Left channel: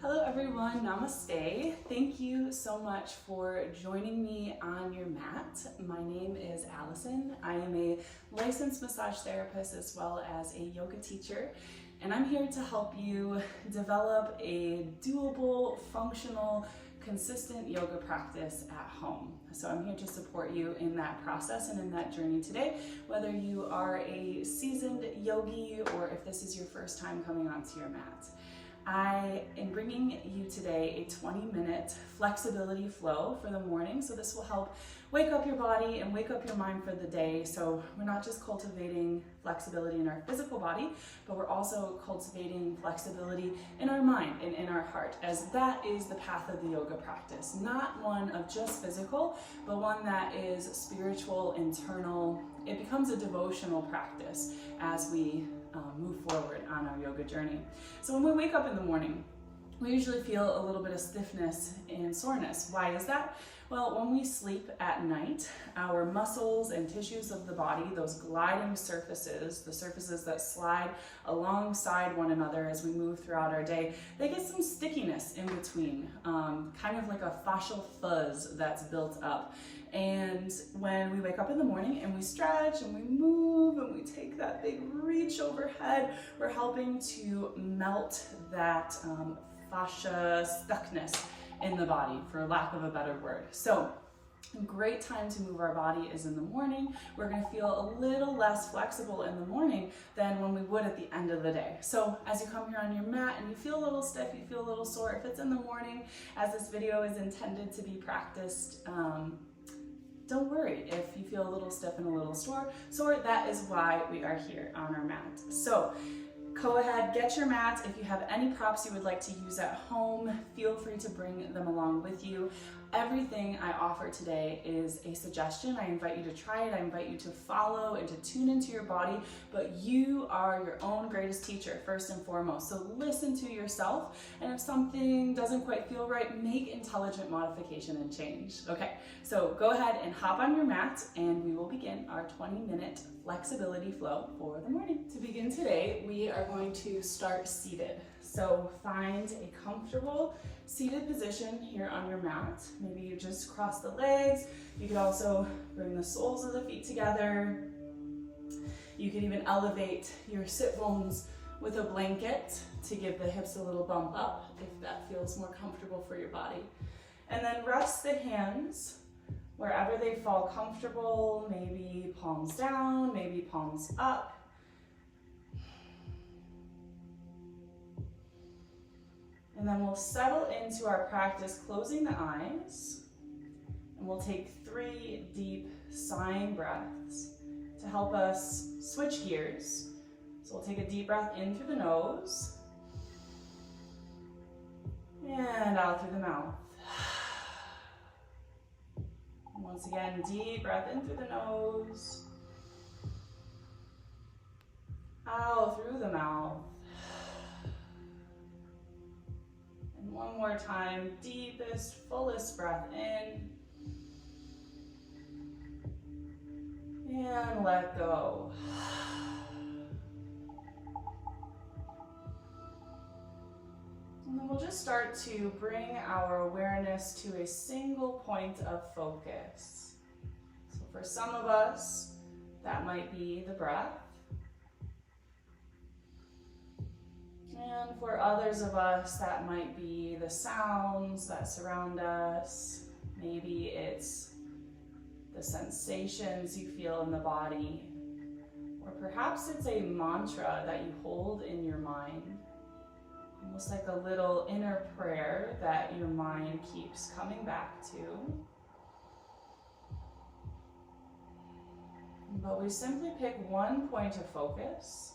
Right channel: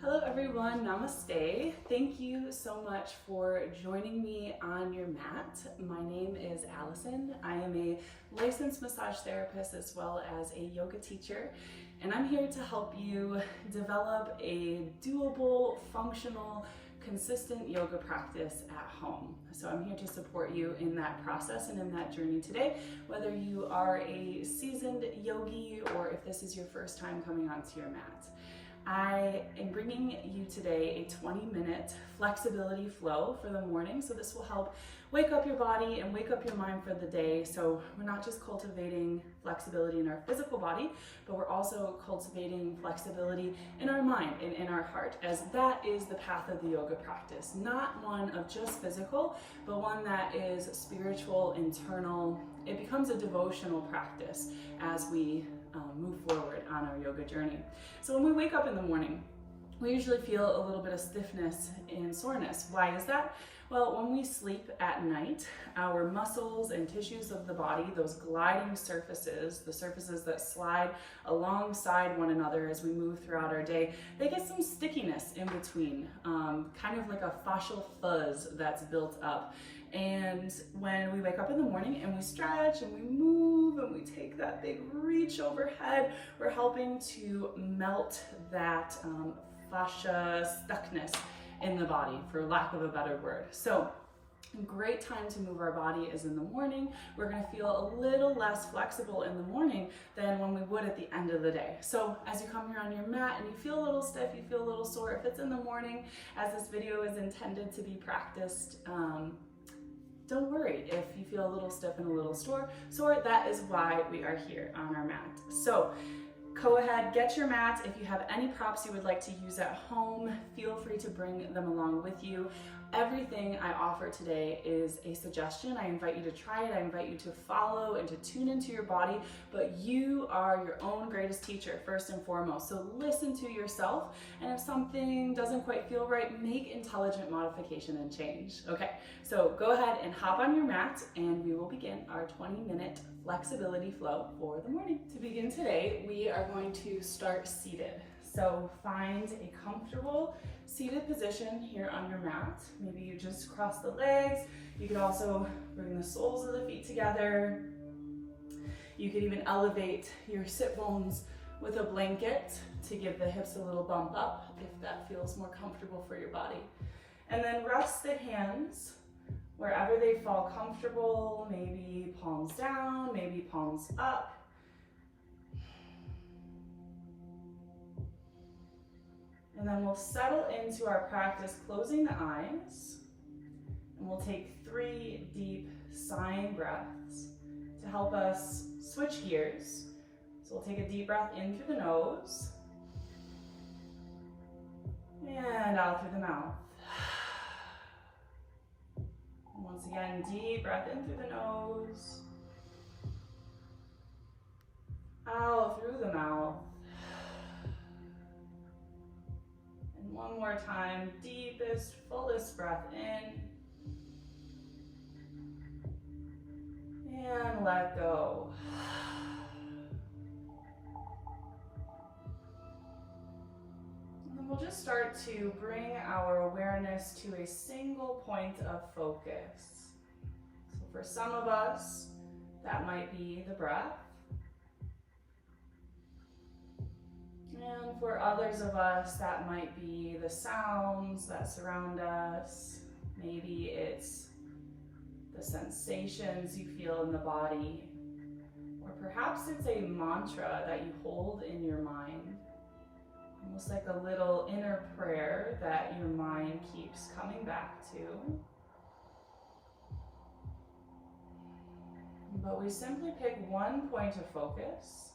Hello everyone, namaste. Thank you so much for joining me on your mat. My name is Allison. I am a licensed massage therapist as well as a yoga teacher, and I'm here to help you develop a doable, functional, consistent yoga practice at home. So I'm here to support you in that process and in that journey today, whether you are a seasoned yogi or if this is your first time coming onto your mat. I am bringing you today a 20-minute flexibility flow for the morning. So this will help wake up your body and wake up your mind for the day. So we're not just cultivating flexibility in our physical body, but we're also cultivating flexibility in our mind and in our heart, as that is the path of the yoga practice. Not one of just physical, but one that is spiritual, internal. It becomes a devotional practice as we move forward on our yoga journey. So when we wake up in the morning, we usually feel a little bit of stiffness and soreness. Why is that? Well, when we sleep at night, our muscles and tissues of the body, those gliding surfaces, the surfaces that slide alongside one another as we move throughout our day, they get some stickiness in between, kind of like a fascial fuzz that's built up. And when we wake up in the morning and we stretch and we move and we take that big reach overhead, we're helping to melt that fascia stuckness in the body, for lack of a better word. So a great time to move our body is in the morning. We're going to feel a little less flexible in the morning than when we would at the end of the day. So as you come here on your mat and you feel a little stiff, you feel a little sore, if it's in the morning, as this video is intended to be practiced, don't worry if you feel a little stiff and a little sore. That is why we are here on our mat. So go ahead, get your mat. If you have any props you would like to use at home, feel free to bring them along with you. Everything I offer today is a suggestion. I invite you to try it. I invite you to follow and to tune into your body, but you are your own greatest teacher first and foremost. So listen to yourself, and if something doesn't quite feel right, make intelligent modification and change. Okay, so go ahead and hop on your mat and we will begin our 20-minute flexibility flow for the morning. To begin today, we are going to start seated. So find a comfortable seated position here on your mat. Maybe you just cross the legs. You could also bring the soles of the feet together. You could even elevate your sit bones with a blanket to give the hips a little bump up if that feels more comfortable for your body. And then rest the hands wherever they fall comfortable, maybe palms down, maybe palms up. And then we'll settle into our practice closing the eyes, and we'll take 3 deep sighing breaths to help us switch gears. So we'll take a deep breath in through the nose and out through the mouth. And once again, deep breath in through the nose, out through the mouth. And one more time, deepest, fullest breath in. And let go. And then we'll just start to bring our awareness to a single point of focus. So for some of us, that might be the breath. And for others of us, that might be the sounds that surround us. Maybe it's the sensations you feel in the body. Or perhaps it's a mantra that you hold in your mind. Almost like a little inner prayer that your mind keeps coming back to. But we simply pick one point of focus.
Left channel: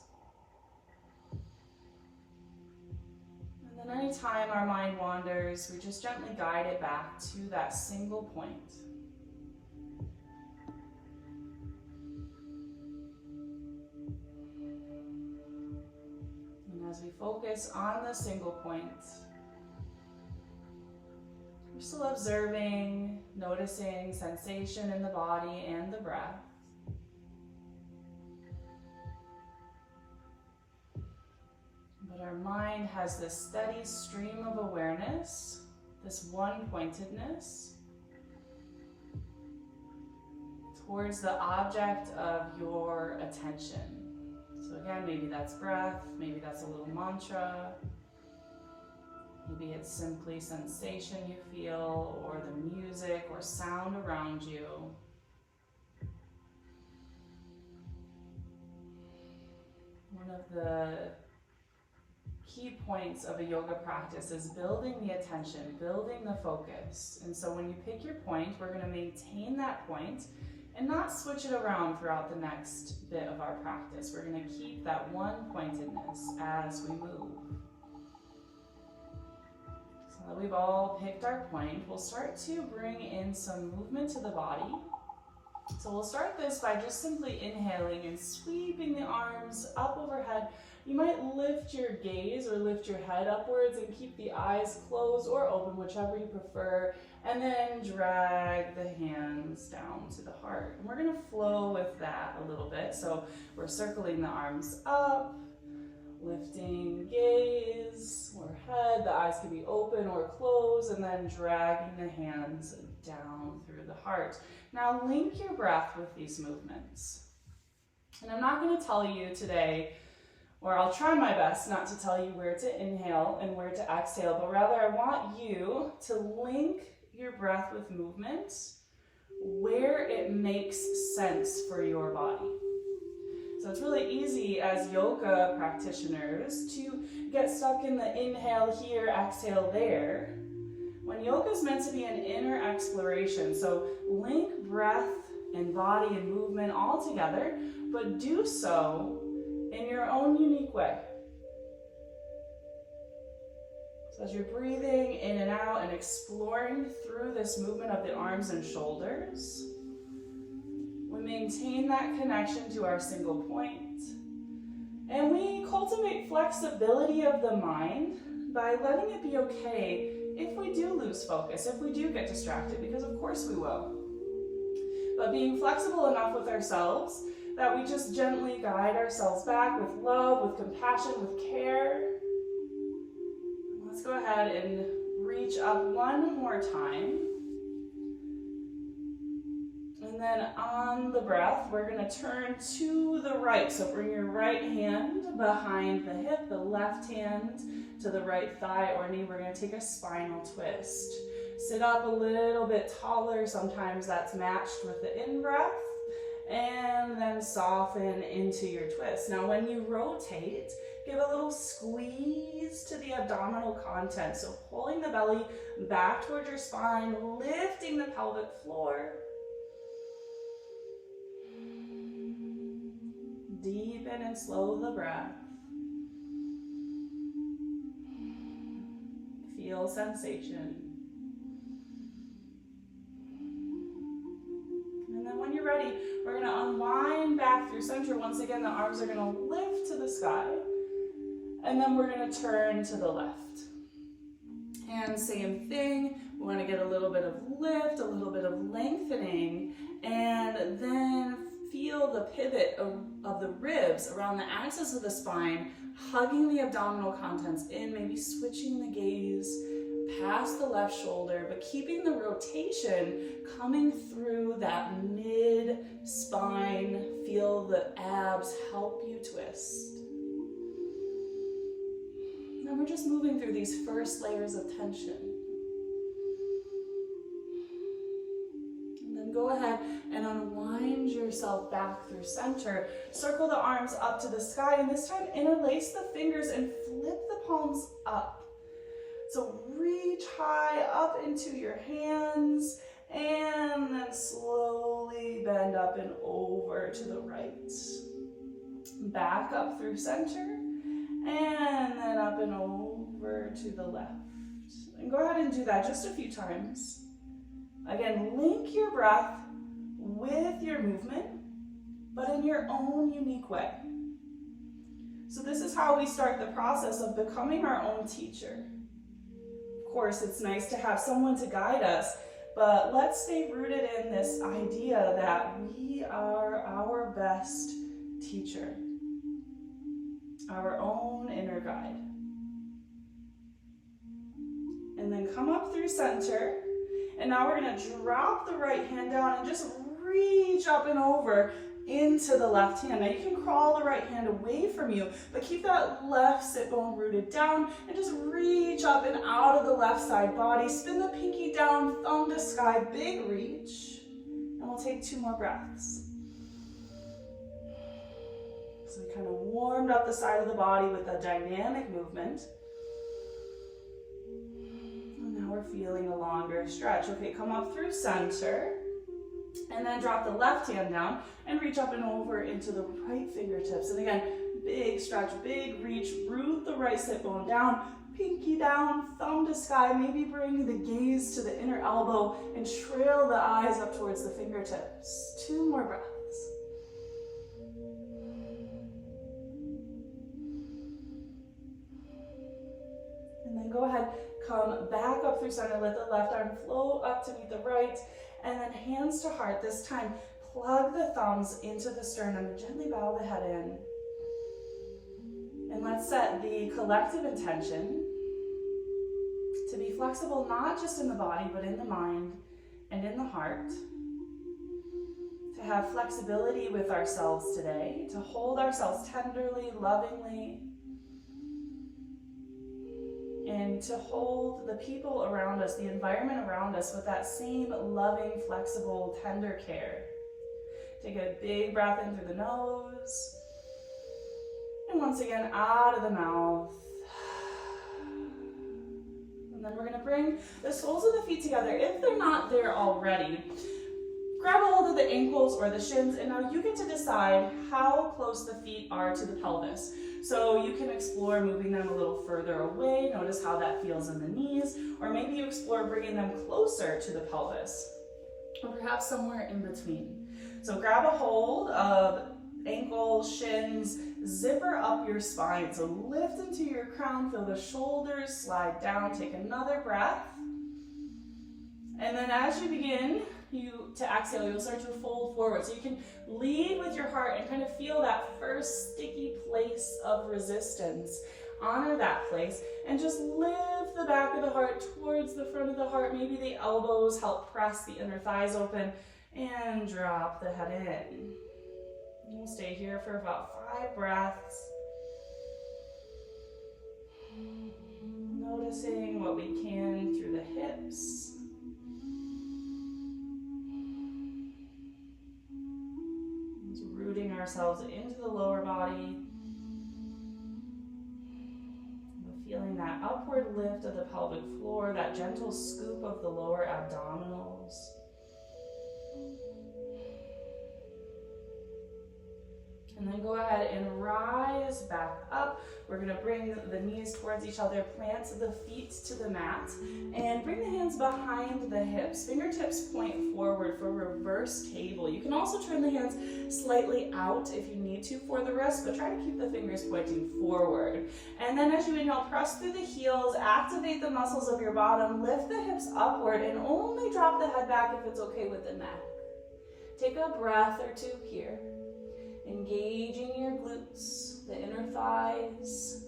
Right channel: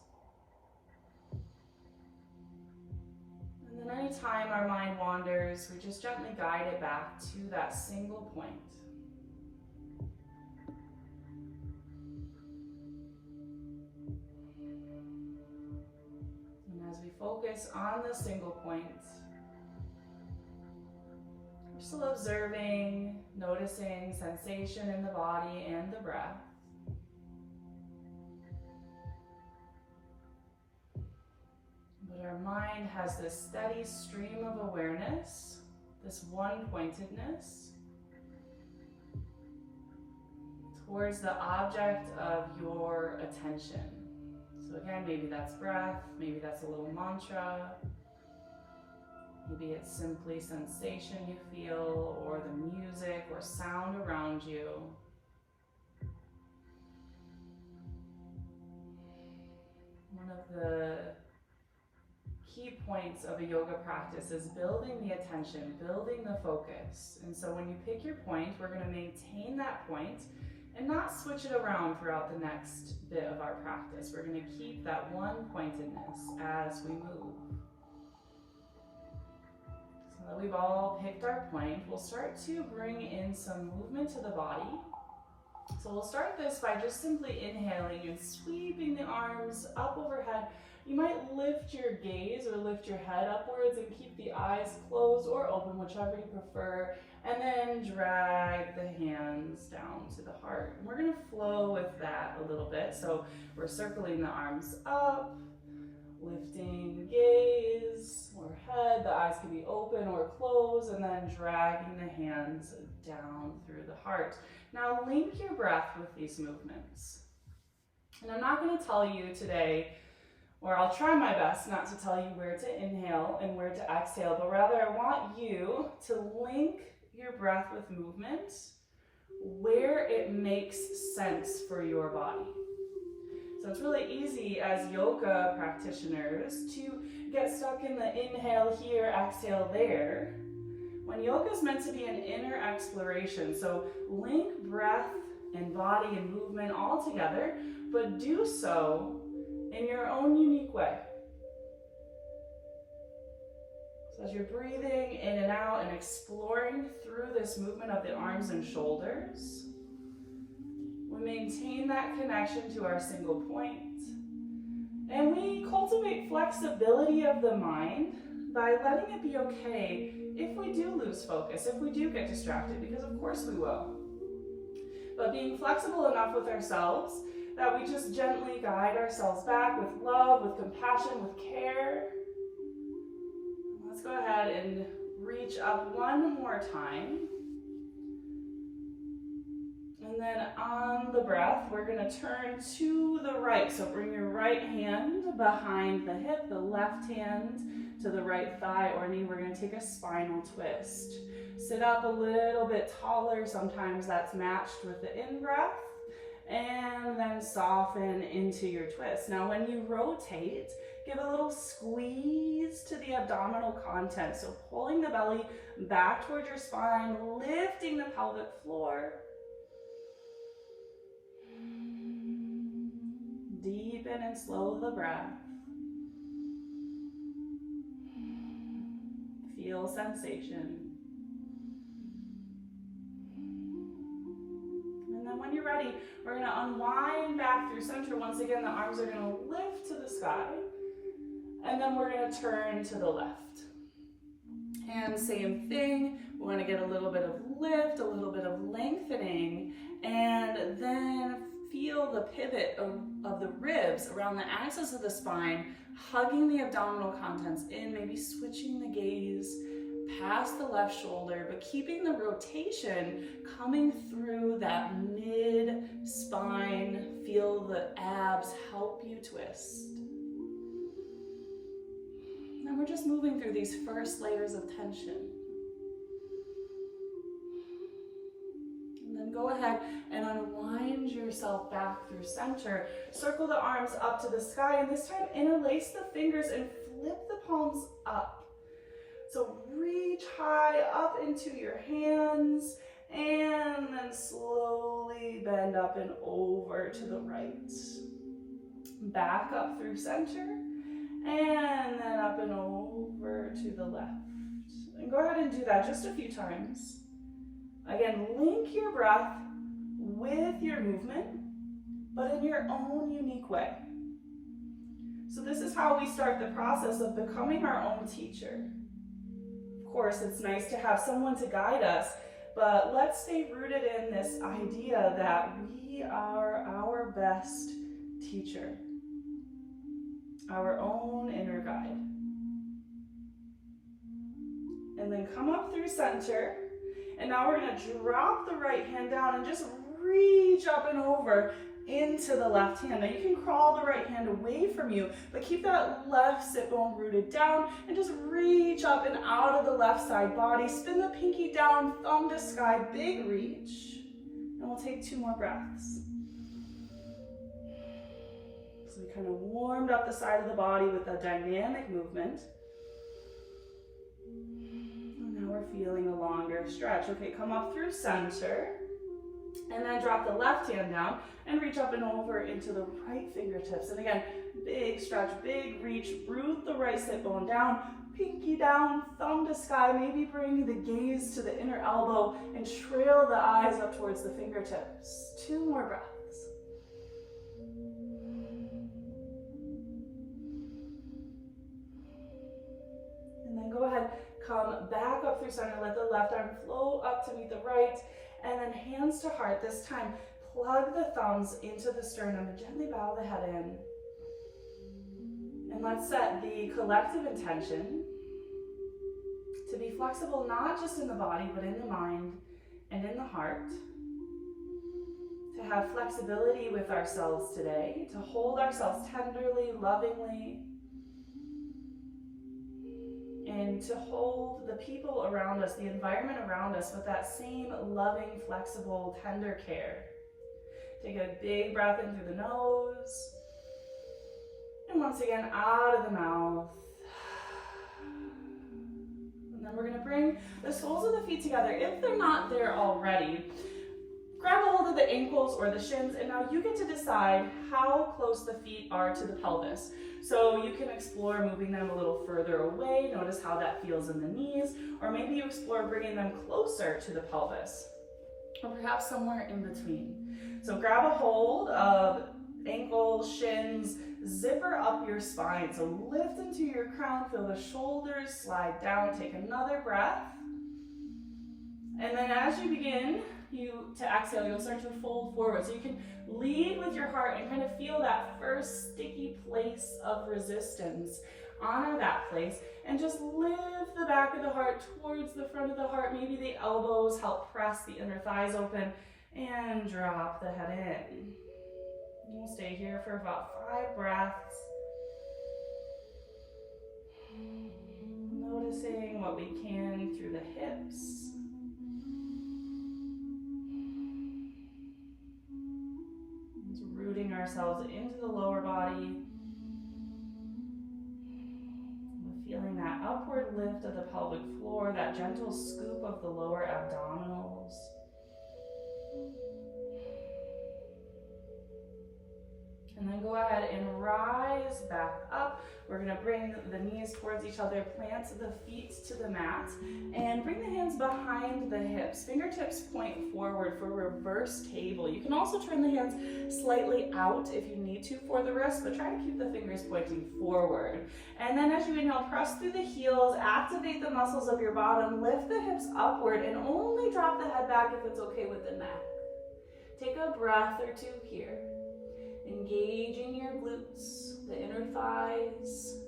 And then anytime our mind wanders, we just gently guide it back to that single point. And as we focus on the single point, we're still observing, noticing sensation in the body and the breath. But our mind has this steady stream of awareness, this one-pointedness towards the object of your attention. So again, maybe that's breath, maybe that's a little mantra, maybe it's simply sensation you feel, or the music or sound around you. One of the key points of a yoga practice is building the attention, building the focus. And so when you pick your point, we're going to maintain that point and not switch it around throughout the next bit of our practice. We're going to keep that one-pointedness as we move. So that we've all picked our point, we'll start to bring in some movement to the body. So we'll start this by just simply inhaling and sweeping the arms up overhead. You might lift your gaze or lift your head upwards and keep the eyes closed or open, whichever you prefer, and then drag the hands down to the heart. And we're going to flow with that a little bit. So we're circling the arms up, lifting gaze or head, the eyes can be open or closed, and then dragging the hands down through the heart. Now link your breath with these movements. And I'm not going to tell you today, or I'll try my best not to tell you where to inhale and where to exhale, but rather I want you to link your breath with movement where it makes sense for your body. So it's really easy as yoga practitioners to get stuck in the inhale here, exhale there, when yoga is meant to be an inner exploration. So link breath and body and movement all together, but do so in your own unique way. So as you're breathing in and out and exploring through this movement of the arms and shoulders, we maintain that connection to our single point. And we cultivate flexibility of the mind by letting it be okay if we do lose focus, if we do get distracted, because of course we will. But being flexible enough with ourselves that we just gently guide ourselves back with love, with compassion, with care. Let's go ahead and reach up one more time. And then on the breath, we're going to turn to the right. So bring your right hand behind the hip, the left hand to the right thigh or knee. We're going to take a spinal twist. Sit up a little bit taller. Sometimes that's matched with the in-breath. And then soften into your twist. Now when you rotate, give a little squeeze to the abdominal content. So pulling the belly back towards your spine, lifting the pelvic floor. Deepen and slow the breath. Feel sensation. And then when you're ready, we're going to unwind back through center. Once again, the arms are going to lift to the sky. And then we're going to turn to the left. And same thing, we want to get a little bit of lift, a little bit of lengthening, and then feel the pivot of the ribs around the axis of the spine, hugging the abdominal contents in, maybe switching the gaze past the left shoulder, but keeping the rotation coming through that mid-spine. Feel the abs help you twist. And we're just moving through these first layers of tension. And then go ahead and unwind yourself back through center. Circle the arms up to the sky, and this time interlace the fingers and flip the palms up. So reach high up into your hands, and then slowly bend up and over to the right. Back up through center, and then up and over to the left. And go ahead and do that just a few times. Again, link your breath with your movement, but in your own unique way. So this is how we start the process of becoming our own teacher. Of course, it's nice to have someone to guide us, but let's stay rooted in this idea that we are our best teacher, our own inner guide. then come up through center. And now we're gonna drop the right hand down and just reach up and over into the left hand. Now you can crawl the right hand away from you, but keep that left sit bone rooted down and just reach up and out of the left side body. Spin the pinky down, thumb to sky, big reach. And we'll take 2 more breaths. So we kind of warmed up the side of the body with a dynamic movement. And now we're feeling a longer stretch. Okay, come up through center. And then drop the left hand down and reach up and over into the right fingertips. And again, big stretch, big reach, root the right sit bone down, pinky down, thumb to sky, maybe bring the gaze to the inner elbow and trail the eyes up towards the fingertips. 2 more breaths. And then go ahead, come back up through center, let the left arm flow up to meet the right. And then hands to heart. This time, plug the thumbs into the sternum and gently bow the head in. And let's set the collective intention to be flexible, not just in the body, but in the mind and in the heart. To have flexibility with ourselves today, to hold ourselves tenderly, lovingly, and to hold the people around us, the environment around us with that same loving, flexible, tender care. Take a big breath in through the nose. And once again, out of the mouth. And then we're gonna bring the soles of the feet together. If they're not there already, grab a hold of the ankles or the shins, and now you get to decide how close the feet are to the pelvis. So you can explore moving them a little further away. Notice how that feels in the knees, or maybe you explore bringing them closer to the pelvis, or perhaps somewhere in between. So grab a hold of ankles, shins, zipper up your spine. So lift into your crown, feel the shoulders slide down, take another breath. And then as you begin to exhale, you'll start to fold forward. So you can lead with your heart and kind of feel that first sticky place of resistance. Honor that place and just lift the back of the heart towards the front of the heart. Maybe the elbows help press the inner thighs open, and drop the head in. And we'll stay here for about 5 breaths. Noticing what we can through the hips. Rooting ourselves into the lower body. Feeling that upward lift of the pelvic floor, that gentle scoop of the lower abdominals. And then go ahead and rise back up. We're gonna bring the knees towards each other, plant the feet to the mat, and bring the hands behind the hips. Fingertips point forward for reverse table. You can also turn the hands slightly out if you need to for the wrist, but try to keep the fingers pointing forward. And then as you inhale, press through the heels, activate the muscles of your bottom, lift the hips upward, and only drop the head back if it's okay with the neck. Take a breath or 2 here. Engaging your glutes, the inner thighs,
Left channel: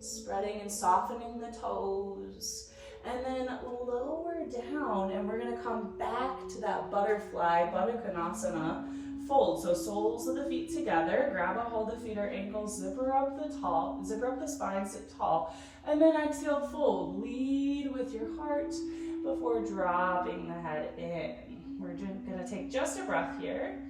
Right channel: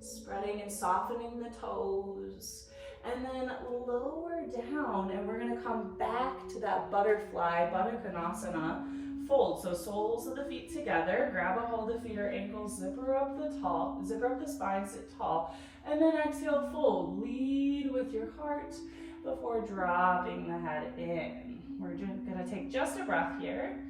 spreading and softening the toes, and then lower down, and we're gonna come back to that butterfly, Baddha Konasana fold. So soles of the feet together, grab a hold of feet or ankles, zipper up the spine, sit tall, and then exhale, fold. Lead with your heart before dropping the head in. We're gonna take just a breath here.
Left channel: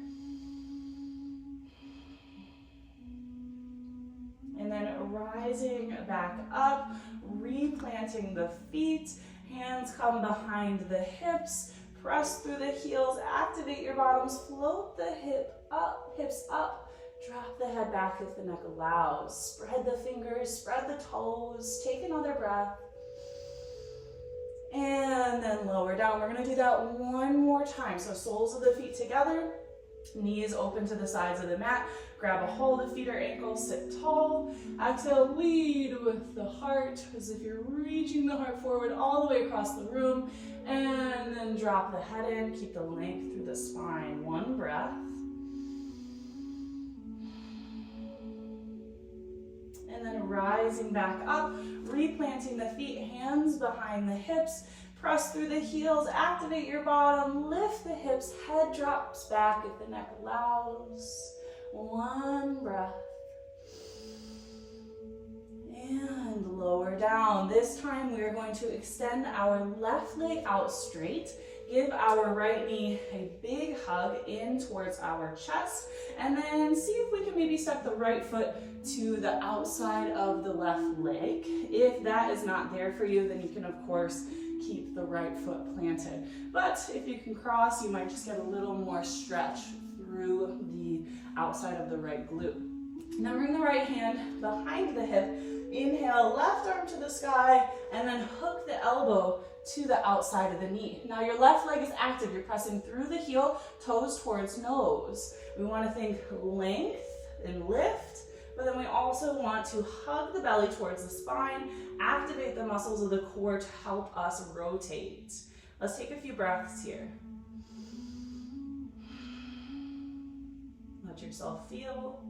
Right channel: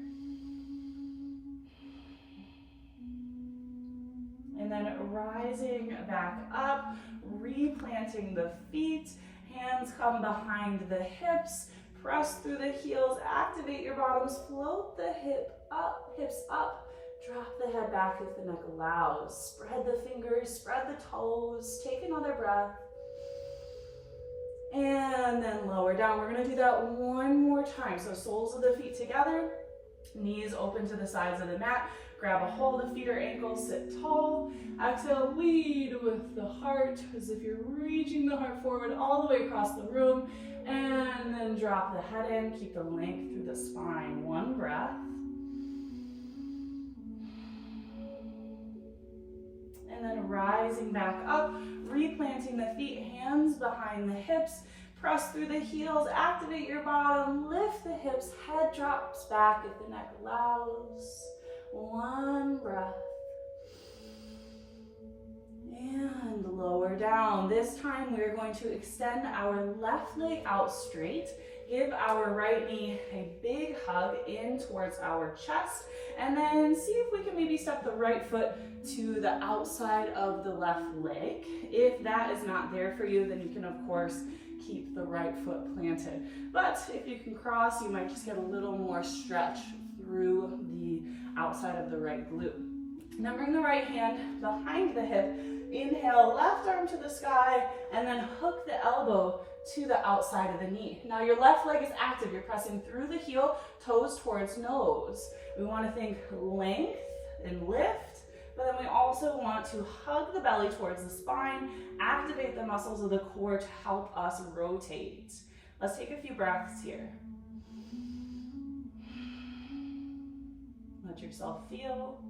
And then rising back up, replanting the feet, hands come behind the hips, press through the heels, activate your bottoms, float the hips up, drop the head back if the neck allows. Spread the fingers, spread the toes, take another breath. And then lower down. We're gonna do that one more time. So soles of the feet together, knees open to the sides of the mat. Grab a hold of feet or ankles, sit tall. Exhale, lead with the heart as if you're reaching the heart forward all the way across the room. And then drop the head in, keep the length through the spine. 1 breath. and then rising back up, replanting the feet, hands behind the hips, press through the heels, activate your bottom, lift the hips, head drops back if the neck allows. One breath. And lower down. This time we're going to extend our left leg out straight. Give our right knee a big hug in towards our chest, and then see if we can maybe step the right foot to the outside of the left leg. If that is not there for you, then you can of course keep the right foot planted. But if you can cross, you might just get a little more stretch through the outside of the right glute. Now bring the right hand behind the hip. Inhale, left arm to the sky, and then hook the elbow to the outside of the knee. Now your left leg is active. You're pressing through the heel, toes towards nose. We want to think length and lift, but then we also want to hug the belly towards the spine, activate the muscles of the core to help us rotate. Let's take a few breaths here. Let yourself feel.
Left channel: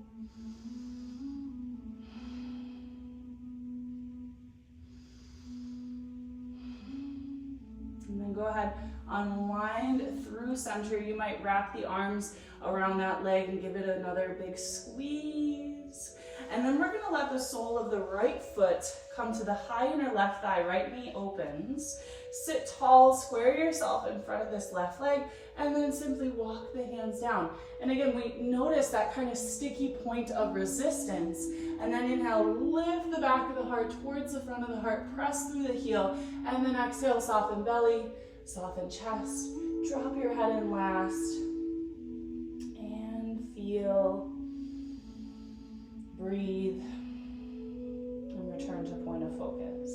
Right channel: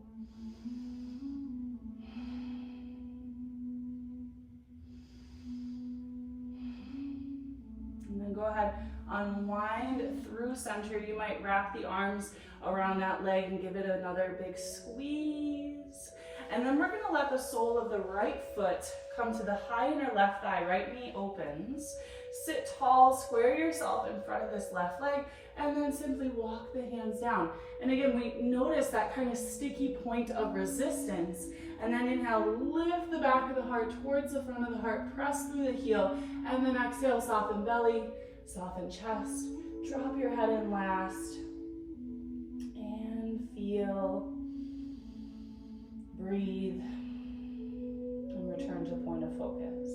And then go ahead, unwind through center. You might wrap the arms around that leg and give it another big squeeze. And then we're gonna let the sole of the right foot come to the high inner left thigh, right knee opens. Sit tall, square yourself in front of this left leg, and then simply walk the hands down. And again, we notice that kind of sticky point of resistance. And then inhale, lift the back of the heart towards the front of the heart, press through the heel, and then exhale, soften belly, soften chest, drop your head in last, and feel, breathe, and return to point of focus.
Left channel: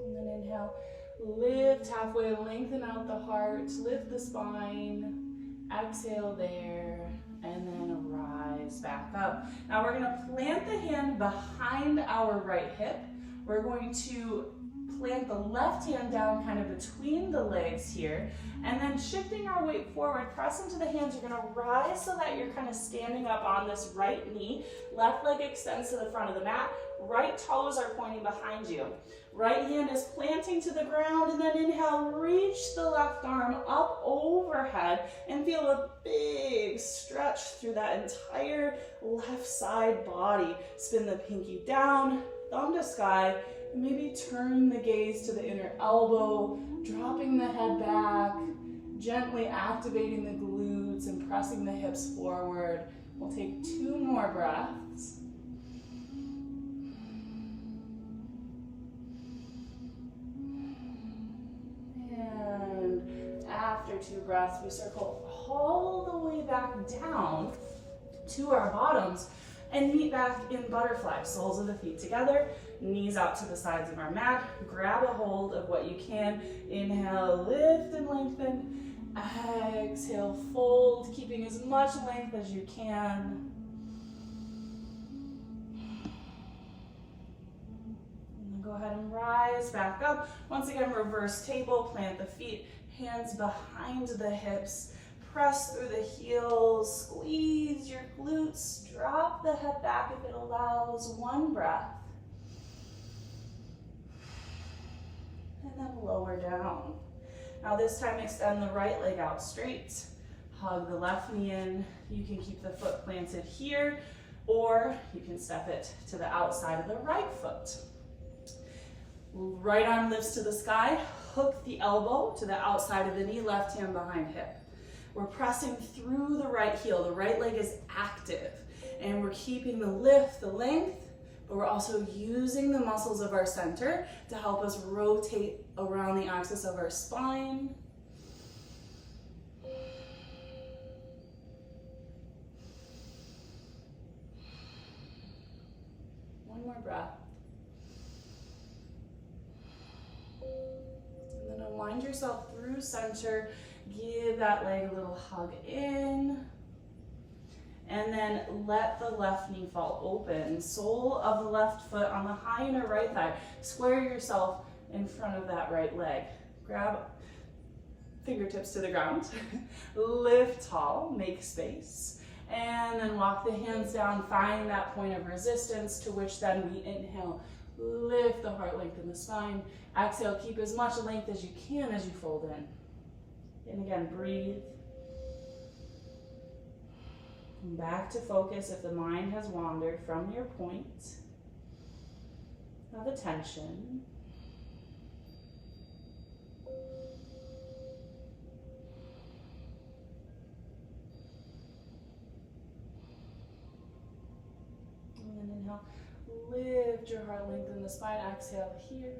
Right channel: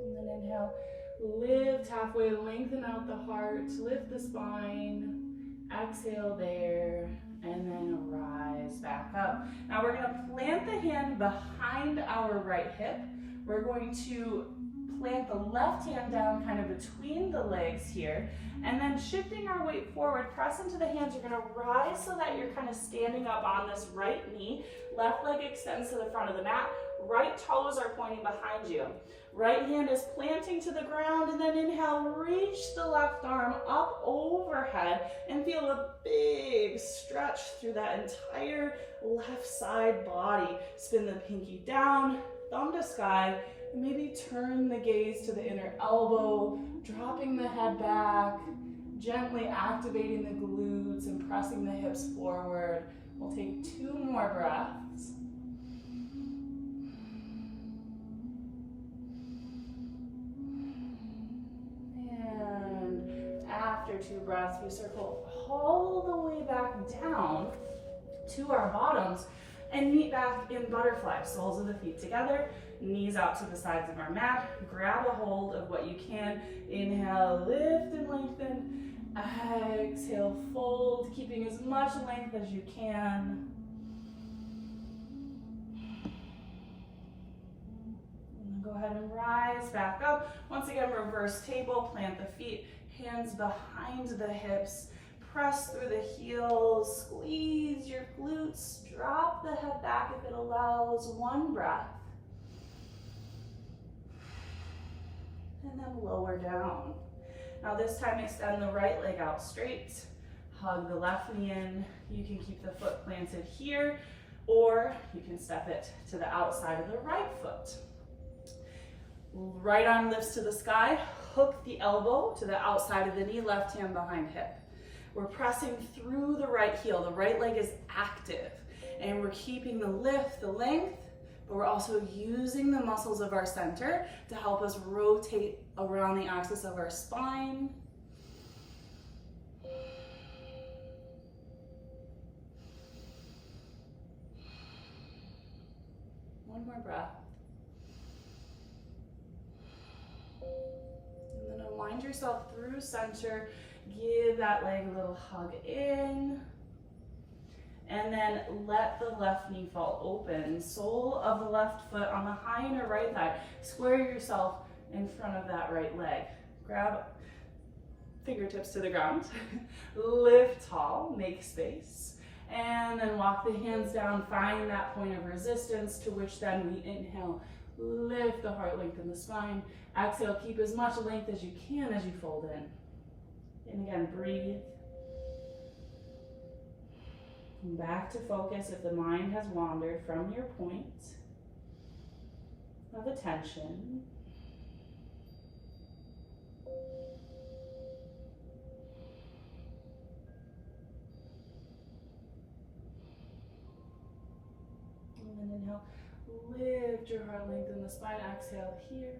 And then inhale, lift halfway, lengthen out the heart, lift the spine, exhale there, and then rise back up. Now we're gonna plant the hand behind our right hip. We're going to plant the left hand down kind of between the legs here, and then shifting our weight forward, press into the hands. You're gonna rise so that you're kind of standing up on this right knee. Left leg extends to the front of the mat. Right toes are pointing behind you. Right hand is planting to the ground, and then inhale, reach the left arm up overhead and feel a big stretch through that entire left side body. Spin the pinky down, thumb to sky, and maybe turn the gaze to the inner elbow, dropping the head back, gently activating the glutes and pressing the hips forward. We'll take 2 more breaths. And after 2 breaths, we circle all the way back down to our bottoms and meet back in butterfly. Soles of the feet together, knees out to the sides of our mat. Grab a hold of what you can. Inhale, lift and lengthen. Exhale, fold, keeping as much length as you can. Go ahead and rise back up. Once again, reverse table, plant the feet, hands behind the hips, press through the heels, squeeze your glutes, drop the head back if it allows. 1 breath. And then lower down. Now this time extend the right leg out straight, hug the left knee in. You can keep the foot planted here, or you can step it to the outside of the right foot. Right arm lifts to the sky, hook the elbow to the outside of the knee, left hand behind hip. We're pressing through the right heel. The right leg is active, and we're keeping the lift, the length, but we're also using the muscles of our center to help us rotate around the axis of our spine. One more breath. And then unwind yourself through center. Give that leg a little hug in. And then let the left knee fall open. Sole of the left foot on the high inner right thigh. Square yourself in front of that right leg. Grab fingertips to the ground. Lift tall, make space. And then walk the hands down, find that point of resistance, to which then we inhale, lift the heart, lengthen the spine. Exhale, keep as much length as you can as you fold in. And again, breathe. And back to focus if the mind has wandered from your point of attention. And then inhale, lift your heart, lengthen the spine. Exhale here.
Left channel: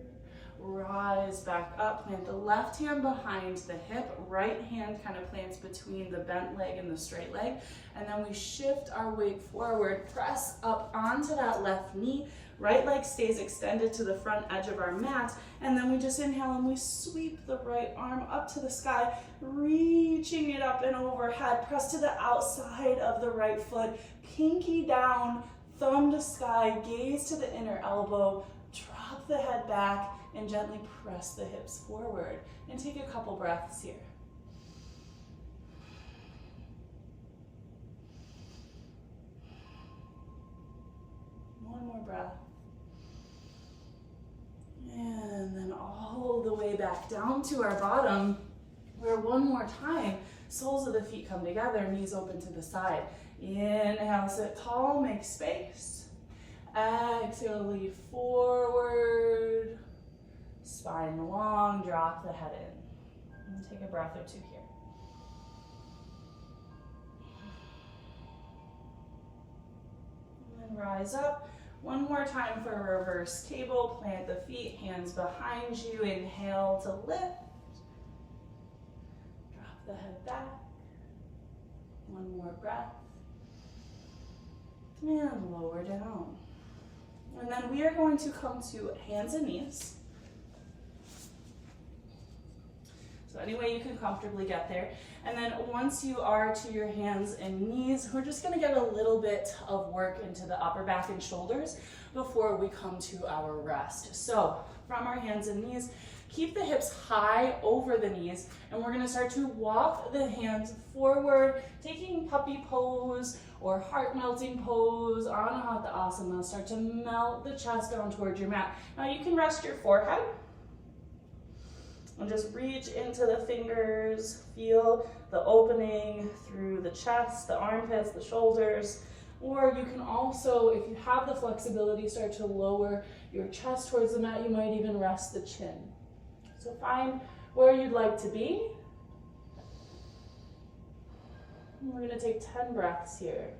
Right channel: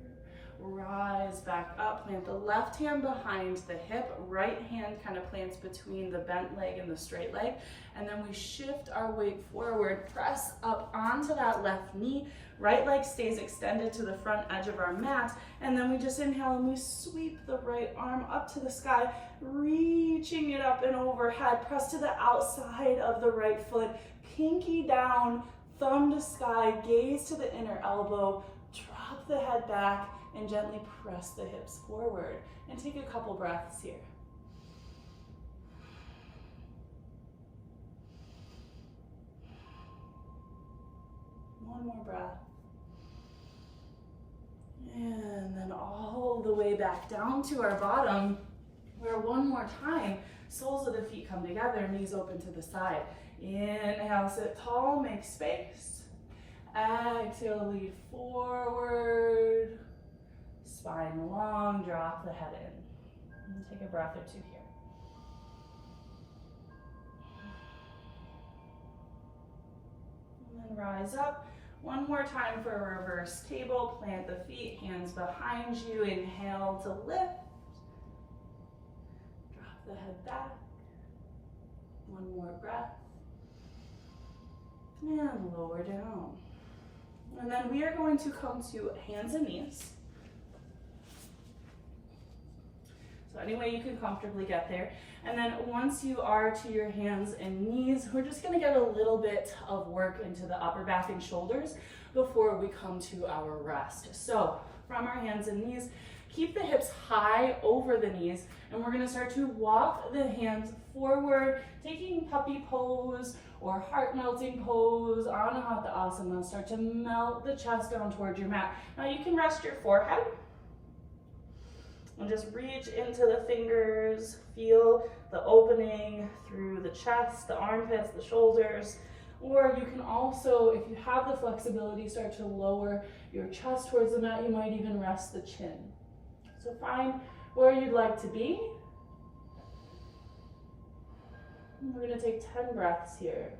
Rise back up, plant the left hand behind the hip, right hand kind of plants between the bent leg and the straight leg, and then we shift our weight forward, press up onto that left knee, right leg stays extended to the front edge of our mat, and then we just inhale and we sweep the right arm up to the sky, reaching it up and overhead, press to the outside of the right foot, pinky down, thumb to sky, gaze to the inner elbow, drop the head back, and gently press the hips forward. And take a couple breaths here. One more breath. And then all the way back down to our bottom, where one more time, soles of the feet come together, knees open to the side. Inhale, sit tall, make space. Exhale, lead forward. Spine long, drop the head in. And take a breath or two here. And then rise up. One more time for a reverse table. Plant the feet, hands behind you. Inhale to lift. Drop the head back. One more breath. And lower down. And then we are going to come to hands and knees. So any way you can comfortably get there. And then once you are to your hands and knees, we're just gonna get a little bit of work into the upper back and shoulders before we come to our rest. So from our hands and knees, keep the hips high over the knees, and we're gonna start to walk the hands forward, taking puppy pose or heart melting pose, Anahata Asana. Start to melt the chest down towards your mat. Now you can rest your forehead and just reach into the fingers, feel the opening through the chest, the armpits, the shoulders. Or you can also, if you have the flexibility, start to lower your chest towards the mat. You might even rest the chin. So find where you'd like to be. And we're gonna take 10 breaths here.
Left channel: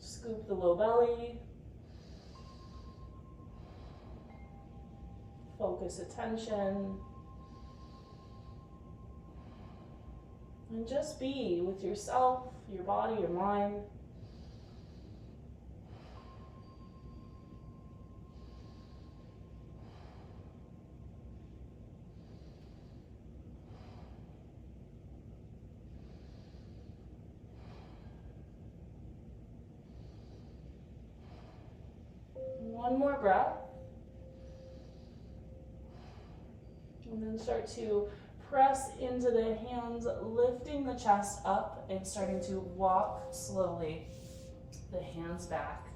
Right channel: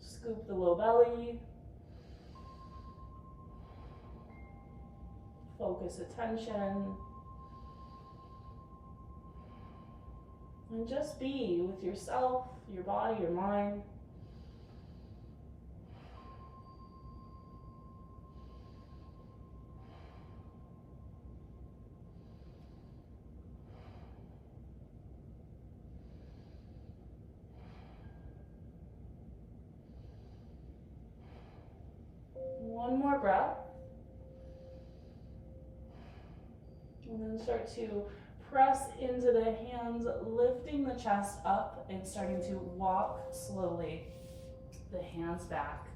Scoop the low belly. Focus attention. And just be with yourself, your body, your mind. One more breath. And then start to press into the hands, lifting the chest up and starting to walk slowly the hands back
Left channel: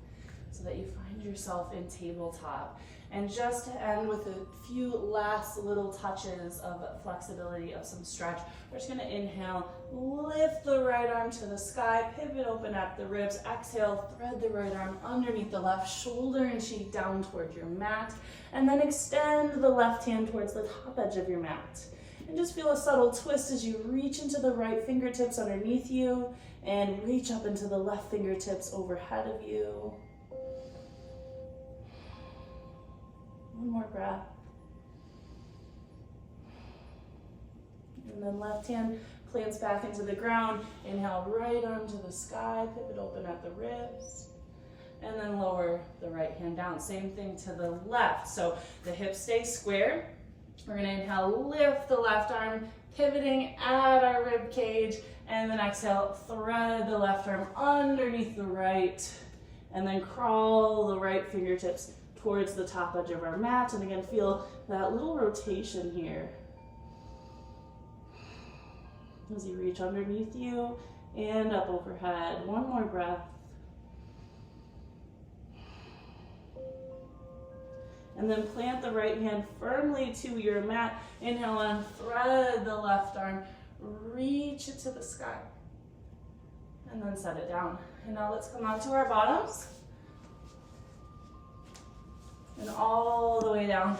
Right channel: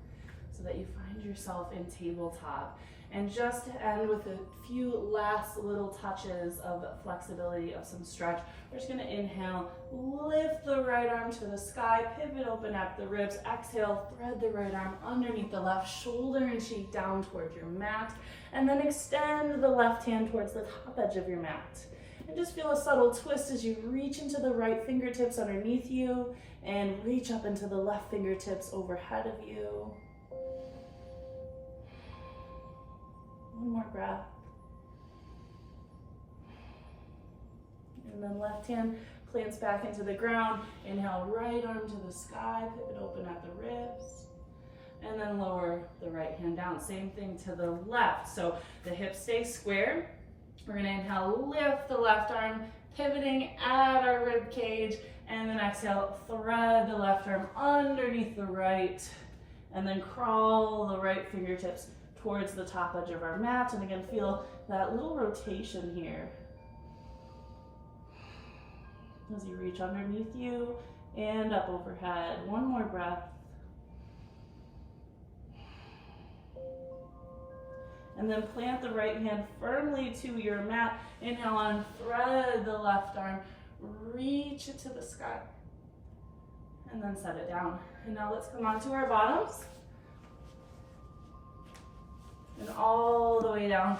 so that you find yourself in tabletop. And just to end with a few last little touches of flexibility, of some stretch, we're just gonna inhale, lift the right arm to the sky, pivot, open up the ribs, exhale, thread the right arm underneath the left shoulder and cheek down toward your mat, and then extend the left hand towards the top edge of your mat. And just feel a subtle twist as you reach into the right fingertips underneath you and reach up into the left fingertips overhead of you. One more breath. And then left hand plants back into the ground. Inhale, right arm to the sky, pivot open at the ribs. And then lower the right hand down. Same thing to the left. So the hips stay square. We're gonna inhale, lift the left arm, pivoting at our rib cage. And then exhale, thread the left arm underneath the right. And then crawl the right fingertips towards the top edge of our mat. And again, feel that little rotation here as you reach underneath you and up overhead. One more breath. And then plant the right hand firmly to your mat. Inhale on, thread the left arm, reach it to the sky. And then set it down. And now let's come onto our bottoms. And all the way down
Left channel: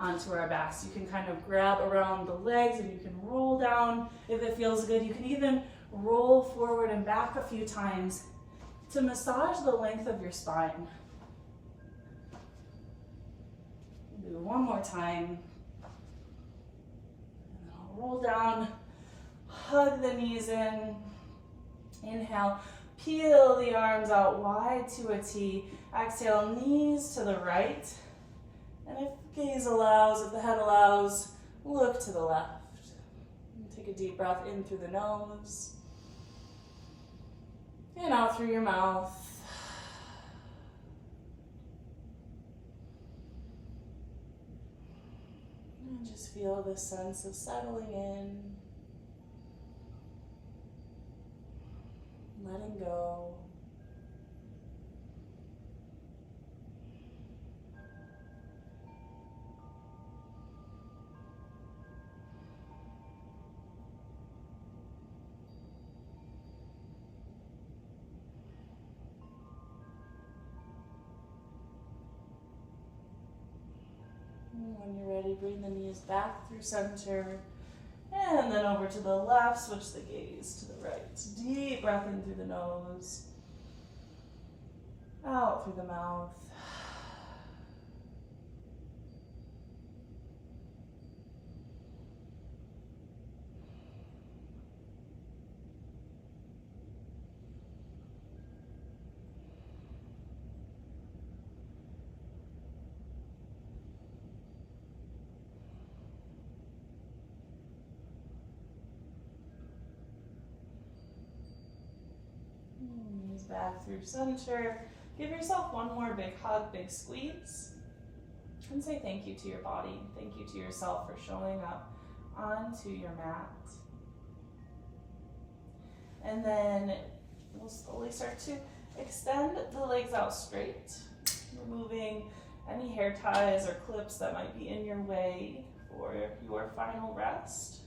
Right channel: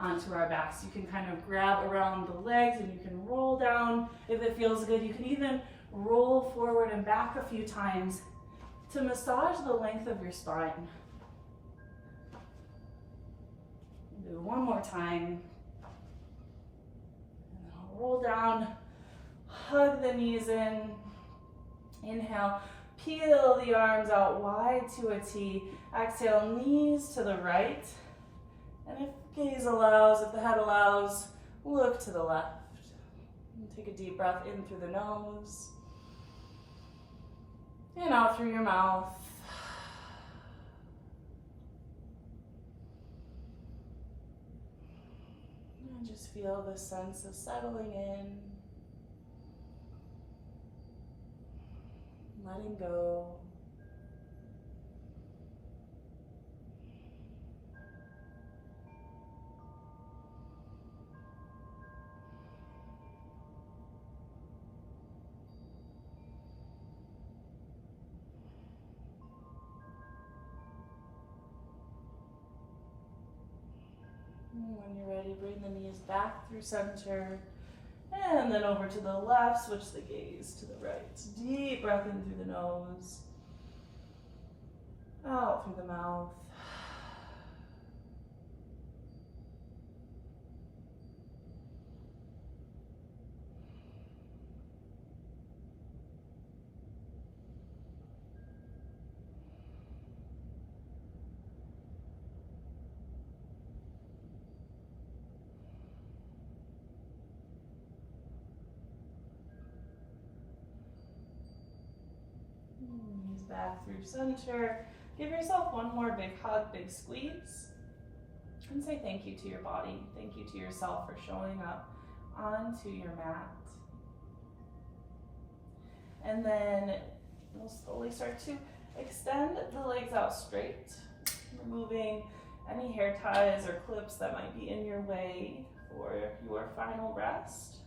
onto our backs. You can kind of grab around the legs and you can roll down if it feels good. You can even roll forward and back a few times to massage the length of your spine. Do one more time. And then I'll roll down, hug the knees in. Inhale, peel the arms out wide to a T. Exhale, knees to the right. And if gaze allows, if the head allows, look to the left. And take a deep breath in through the nose. And out through your mouth. And just feel the sense of settling in. Letting go. And when you're ready, bring the knees back through center. And then over to the left, switch the gaze to the right. Deep breath in through the nose. Out through the mouth. Knees back through center. Give yourself one more big hug, big squeeze. And say thank you to your body. Thank you to yourself for showing up onto your mat. And then we'll slowly start to extend the legs out straight, removing any hair ties or clips that might be in your way for your final rest.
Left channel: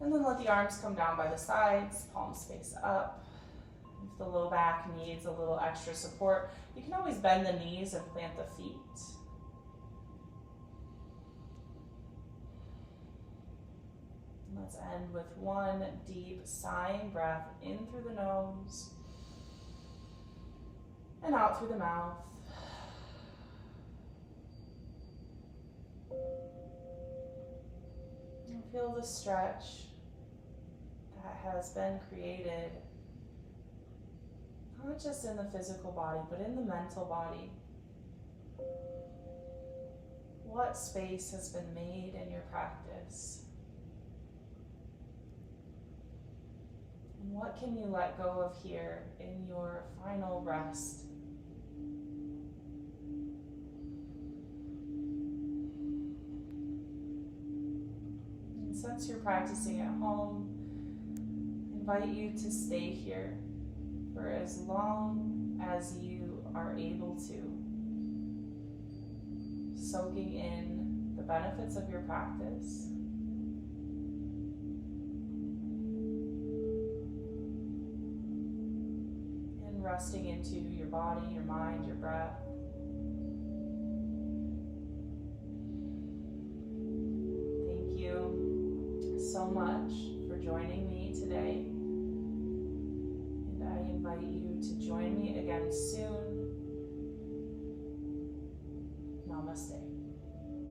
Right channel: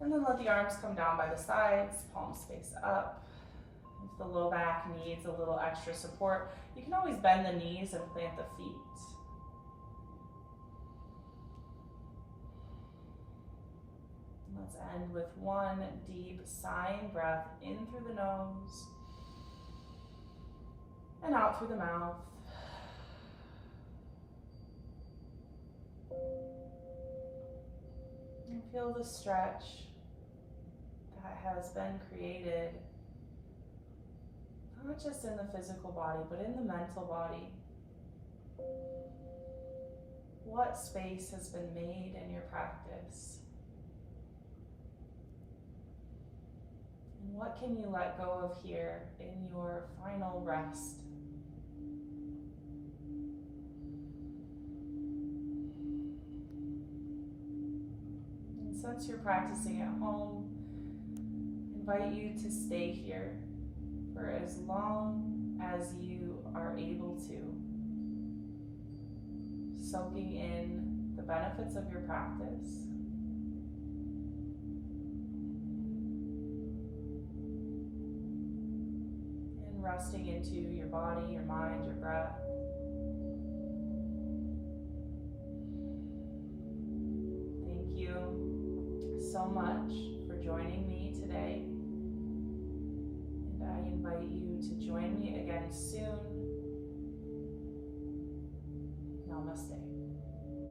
And then let the arms come down by the sides, palms face up. If the low back needs a little extra support, you can always bend the knees and plant the feet. Let's end with one deep sighing breath in through the nose and out through the mouth. And feel the stretch that has been created, not just in the physical body, but in the mental body. What space has been made in your practice? And what can you let go of here in your final rest? And since you're practicing at home, I invite you to stay here for as long as you are able to, soaking in the benefits of your practice. And resting into your body, your mind, your breath. Thank you so much for joining me today. I invite you to join me again soon. Namaste.